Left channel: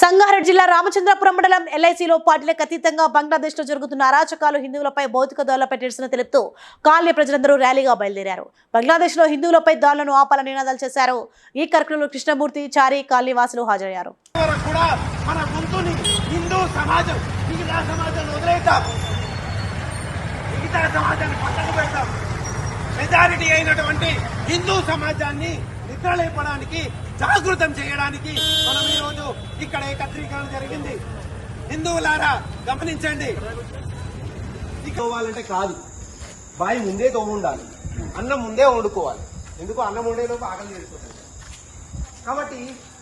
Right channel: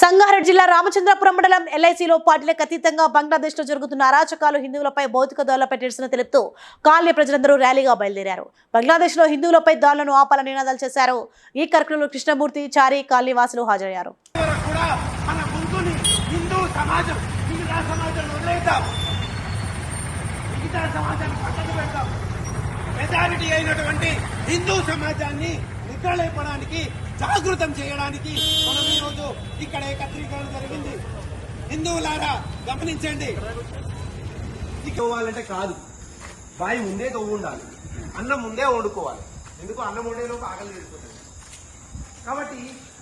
సంగారెడ్డి జిల్లా రామచంద్రపురం మండలం ఎల్ఐసిలో పార్టీలకు అతీతంగా బంగ్లాదేశ్లో జరుగుతున్న అరాచకాలు హిందువులపై భౌతిక దాడులపై నిరసన తెలుపుతూ కాలనీ ప్రజలందరూ ర్యాలీగా బయలుదేరారు. బంగ్లాదేశ్లో హిందువులపై దాడులను ఆపాలని నినాదాలు చేశారు. ఈ కార్యక్రమంలో కృష్ణమూర్తి చారి కాలనీ వాసులు హాజరయ్యారు. హిందూ సమాజాన్ని వదిలేద్దాం లేపడానికి నిద్రలేపడానికి జాగృతం చేయడానికి మనం ఈరోజు ఇక్కడ ఏకత్రీకరణ జరిగింది. హిందువులారా గమనించండి. తోవాలంటే కాదు. బాయి ముందే తోము ఉండాలి అన్నం ముందే వండుకోవాలి. ఎందుకు అన్నం వండేలోపు ఆకలి చేస్తుంది కాబట్టి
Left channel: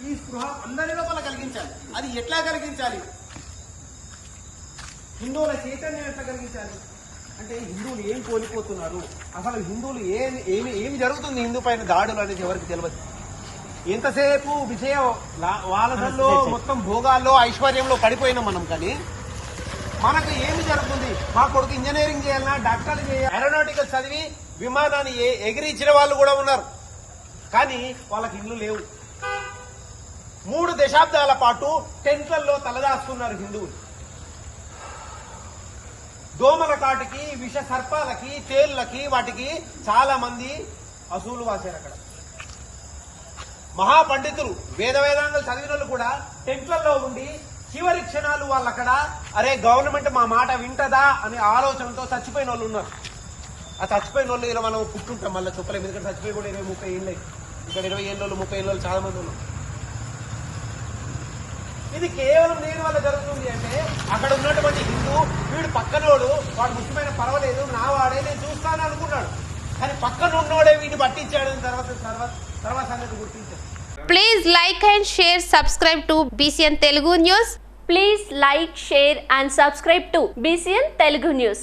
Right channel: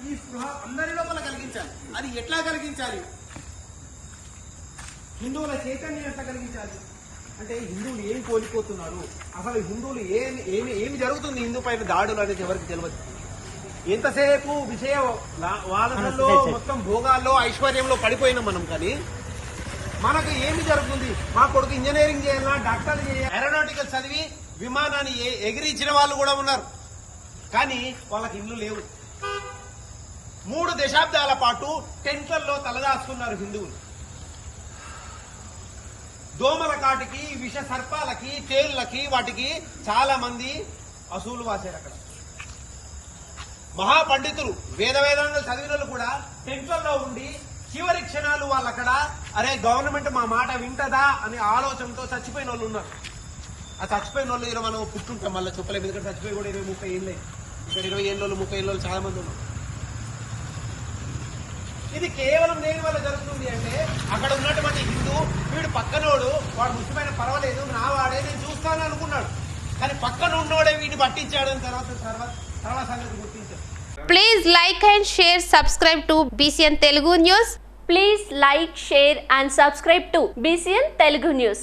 ఈ స్పృహ అందరి లోపల కలిగించాలి. అది ఎట్లా కలిగించాలి? హిందువుల చైతన్యం ఎట్లా కలిగించాలి? అంటే హిందువులు ఏమి కోల్పోతున్నారు? అసలు హిందువులు ఏమి ఏమి ఏమి జరుగుతుంది హిందూ పైన దాడులు అనేది ఎవరికి తెలియదు ఎంతసేపు విషయం వాళ్ళలో మొత్తం భోగాల్లో ఐశ్వర్యంలో పడిపోయినాం మనం కానీ మనకి ఏమి జరుగుతుంది? మా కొడుకు ఇంజనీరింగ్ చేయాలన్నా డాక్టర్ చేయాలి? ఏరోనాటికల్ చదివి విమానాన్ని ఎగిరించిన వాళ్ళు కూడా ఉన్నారు. కానీ వాళ్ళకి ఇల్లు లేవు. మూడు దశాబ్దాల పాటు టెంట్లలో తలదాస్తున్నారు హిందువులు. దోమల కాటికి విష సర్పాలకి తేళ్ళకి వాటికి చాలా మంది అసూలు వాసారు అక్కడ. మహాపండితులు వేద వేదాంగం చదివిన వాళ్ళు కూడా టెంట్లలో ఉండి చివరి క్షణాలు వాళ్ళు అక్కడ అరే గవర్నమెంట్ మా మాట వింటదా? అనే ఆలోచనతో చచ్చిపోయిన వాళ్ళు ఉన్నారు. ఆ చచ్చిపోయిన వాళ్ళు ఇలా మనం పుట్టుంటాం మళ్ళీ చెప్పలేము ఎందుకంటే చచ్చిపోయి కూడా ఇరవై ముప్పై ఏళ్ళు ఇక్కడ ఇరవై ఏళ్ళు ముప్పై ఏళ్ళు చాలా మంది ఉన్నారు. ఇది కేవలం దేని వల్ల జరుగుతుంది అంటే అక్కడ ఉన్నటువంటి వీడు పక్కనోడు వాడు ముఖ్యమైన పర్వాలేదు నా వాడే నేను చూస్తాను అనుకున్నాడు. కానీ పక్కన ఉన్నోడే వీడు పట్టించాడు తర్వాత తర్వాత తర్వాత సంగతి గుర్తించాడు. Please like and share subscribe to BCN Telugu news please like share and subscribe to BCN Telugu news